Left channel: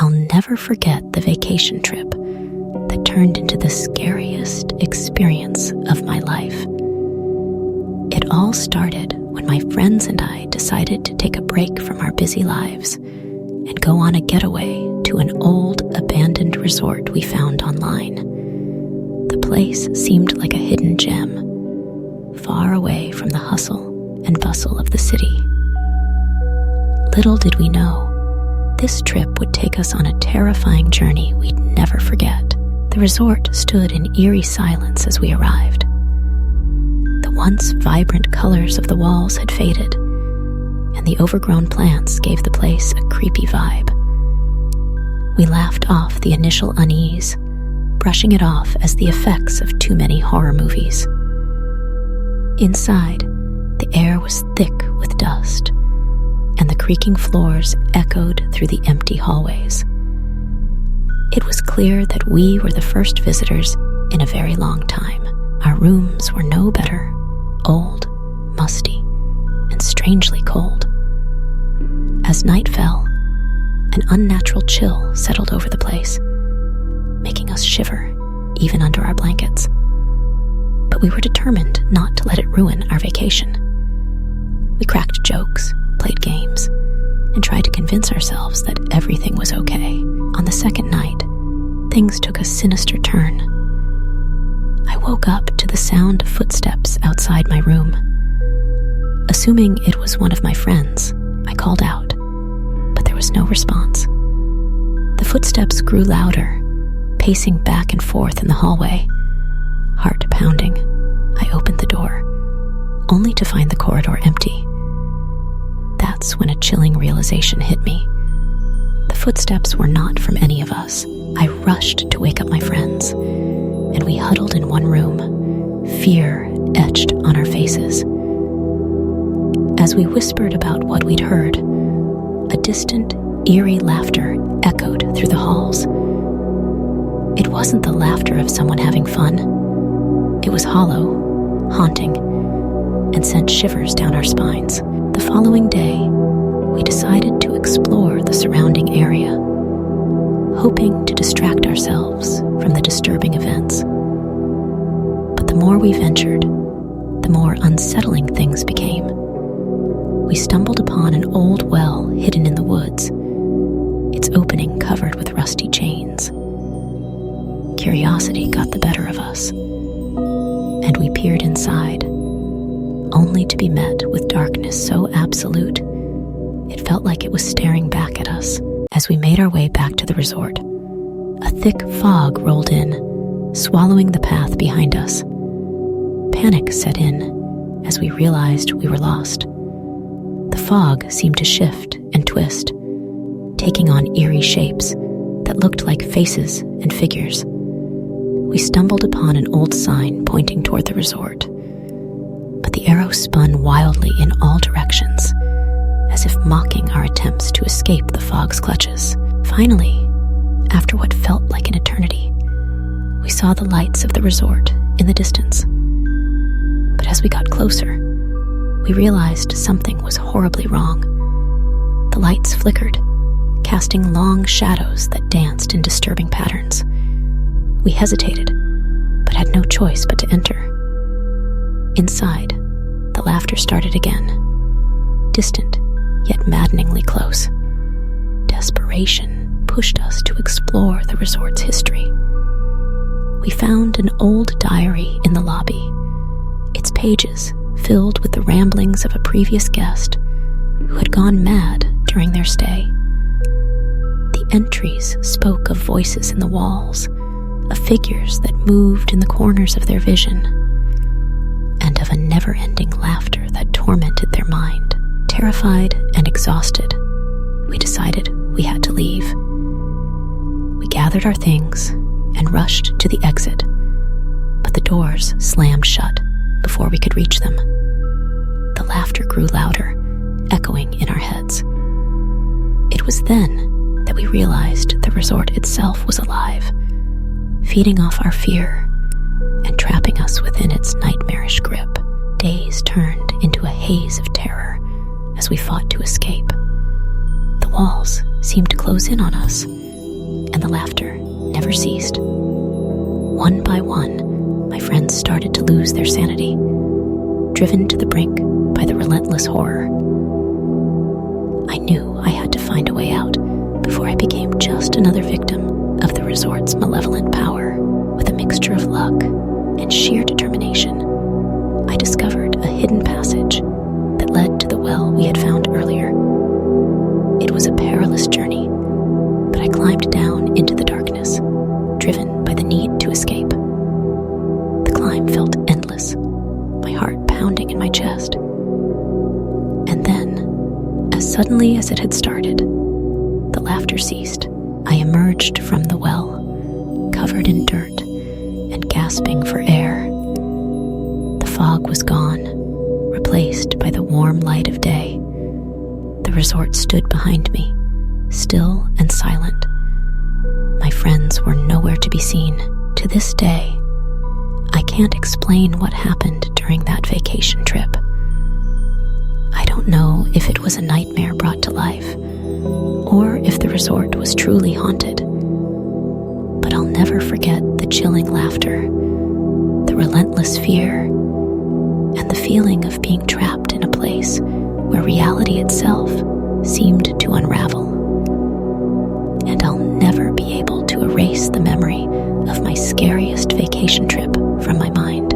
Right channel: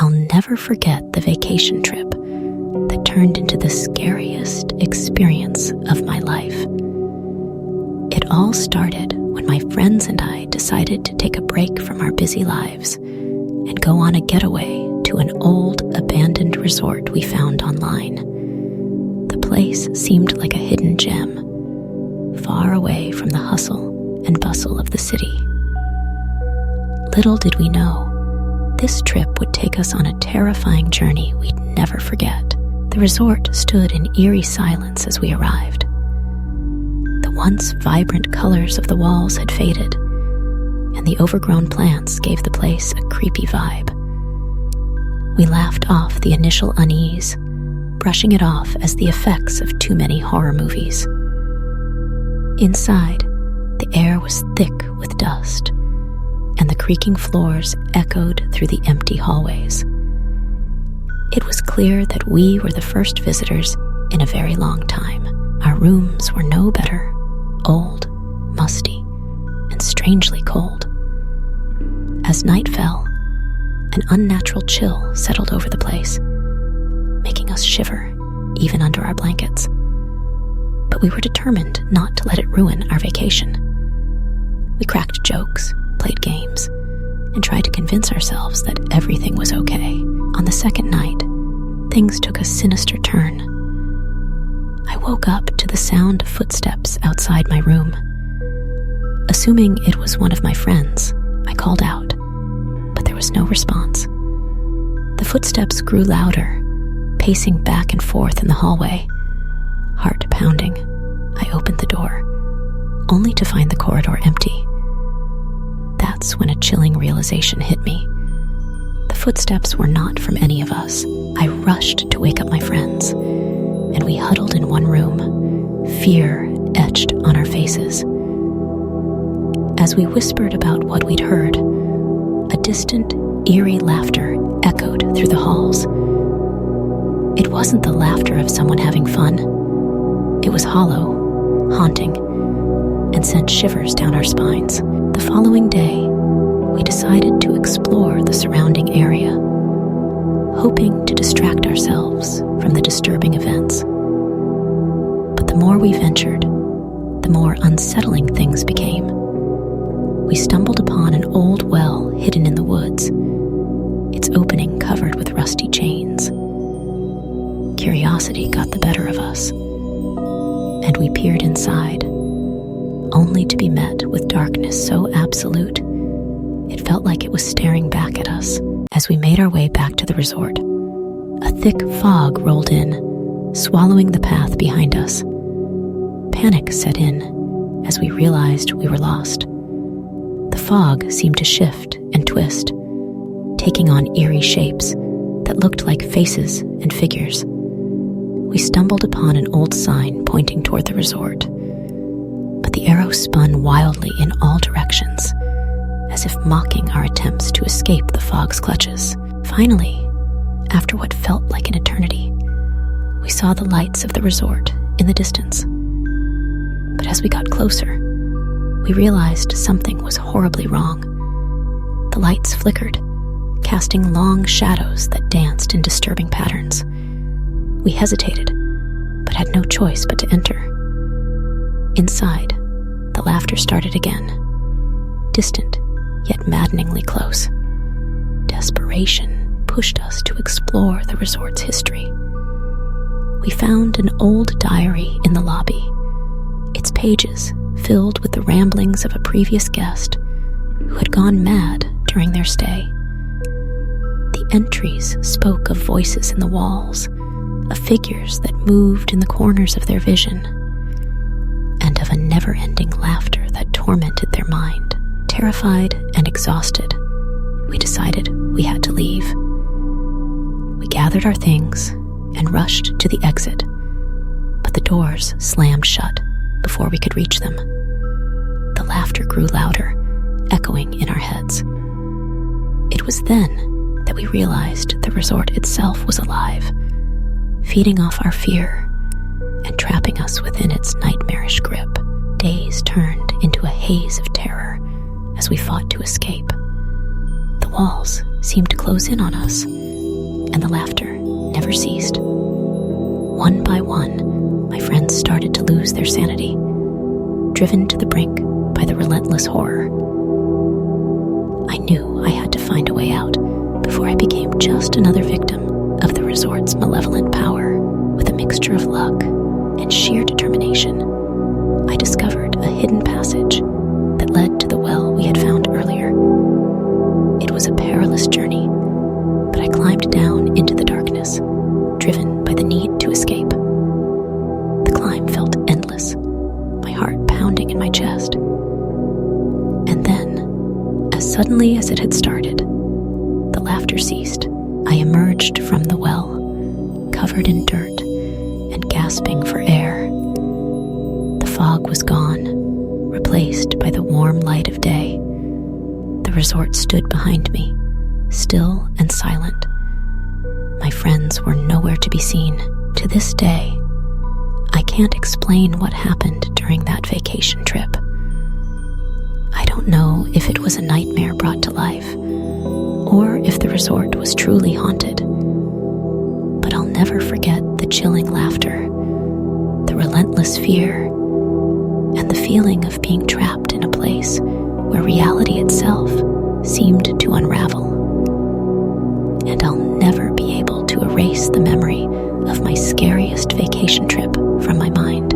I'll never forget the vacation trip that turned into the scariest experience of my life. It all started when my friends and I decided to take a break from our busy lives and go on a getaway to an old, abandoned resort we found online. The place seemed like a hidden gem, far away from the hustle and bustle of the city. Little did we know, this trip would take us on a terrifying journey we'd never forget. The resort stood in eerie silence as we arrived. The once vibrant colors of the walls had faded, and the overgrown plants gave the place a creepy vibe. We laughed off the initial unease, brushing it off as the effects of too many horror movies. Inside, the air was thick with dust, and the creaking floors echoed through the empty hallways. It was clear that we were the first visitors in a very long time. Our rooms were no better, old, musty, and strangely cold. As night fell, an unnatural chill settled over the place, making us shiver even under our blankets. But we were determined not to let it ruin our vacation. We cracked jokes, played games, and tried to convince ourselves that everything was okay. On the second night, things took a sinister turn. I woke up to the sound of footsteps outside my room. Assuming it was one of my friends, I called out, but there was no response. The footsteps grew louder, pacing back and forth in the hallway. Heart pounding, I opened the door, only to find the corridor empty. That's when a chilling realization hit me. The footsteps were not from any of us. I rushed to wake up my friends, and we huddled in one room, fear etched on our faces. As we whispered about what we'd heard, a distant, eerie laughter echoed through the halls. It wasn't the laughter of someone having fun. It was hollow, haunting, and sent shivers down our spines. The following day, we decided to explore the surrounding area, hoping to distract ourselves from the disturbing events. But the more we ventured, the more unsettling things became. We stumbled upon an old well hidden in the woods, its opening covered with rusty chains. Curiosity got the better of us, and we peered inside, only to be met with darkness so absolute it felt like it was staring back at us. As we made our way back to the resort, a thick fog rolled in, swallowing the path behind us. Panic set in as we realized we were lost. The fog seemed to shift and twist, taking on eerie shapes that looked like faces and figures. We stumbled upon an old sign pointing toward the resort, but the arrow spun wildly in all directions, as if mocking our attempts to escape the fog's clutches. Finally, after what felt like an eternity, we saw the lights of the resort in the distance. But as we got closer, we realized something was horribly wrong. The lights flickered, casting long shadows that danced in disturbing patterns. We hesitated, but had no choice but to enter. Inside, the laughter started again, distant yet maddeningly close. Desperation pushed us to explore the resort's history. We found an old diary in the lobby, its pages filled with the ramblings of a previous guest who had gone mad during their stay. The entries spoke of voices in the walls, of figures that moved in the corners of their vision, and of a never-ending laughter that tormented their mind. Terrified and exhausted, we decided we had to leave. We gathered our things and rushed to the exit, but the doors slammed shut before we could reach them. The laughter grew louder, echoing in our heads. It was then that we realized the resort itself was alive, feeding off our fear and trapping us within its nightmarish grip. Days turned into a haze of terror as we fought to escape. The walls seemed to close in on us, and the laughter never ceased. One by one, my friends started to lose their sanity, driven to the brink by the relentless horror. I knew I had to find a way out before I became just another victim of the resort's malevolent power. With a mixture of luck and sheer determination, I discovered a hidden passage that led to the well we had found earlier. It was a perilous journey, but I climbed down into the darkness, driven by the need to escape. The climb felt endless, my heart pounding in my chest. And then, as suddenly as it had started, the laughter ceased. I emerged from the well, covered in dirt and gasping for air. The fog was gone, replaced by the warm light of day. The resort stood behind me, still and silent. My friends were nowhere to be seen. To this day, I can't explain what happened during that vacation trip. I don't know if it was a nightmare brought to life, or if the resort was truly haunted. But I'll never forget the chilling laughter, the relentless fear, and the feeling of being trapped in a place where reality itself seemed to unravel. And I'll never be able to erase the memory of my scariest vacation trip from my mind.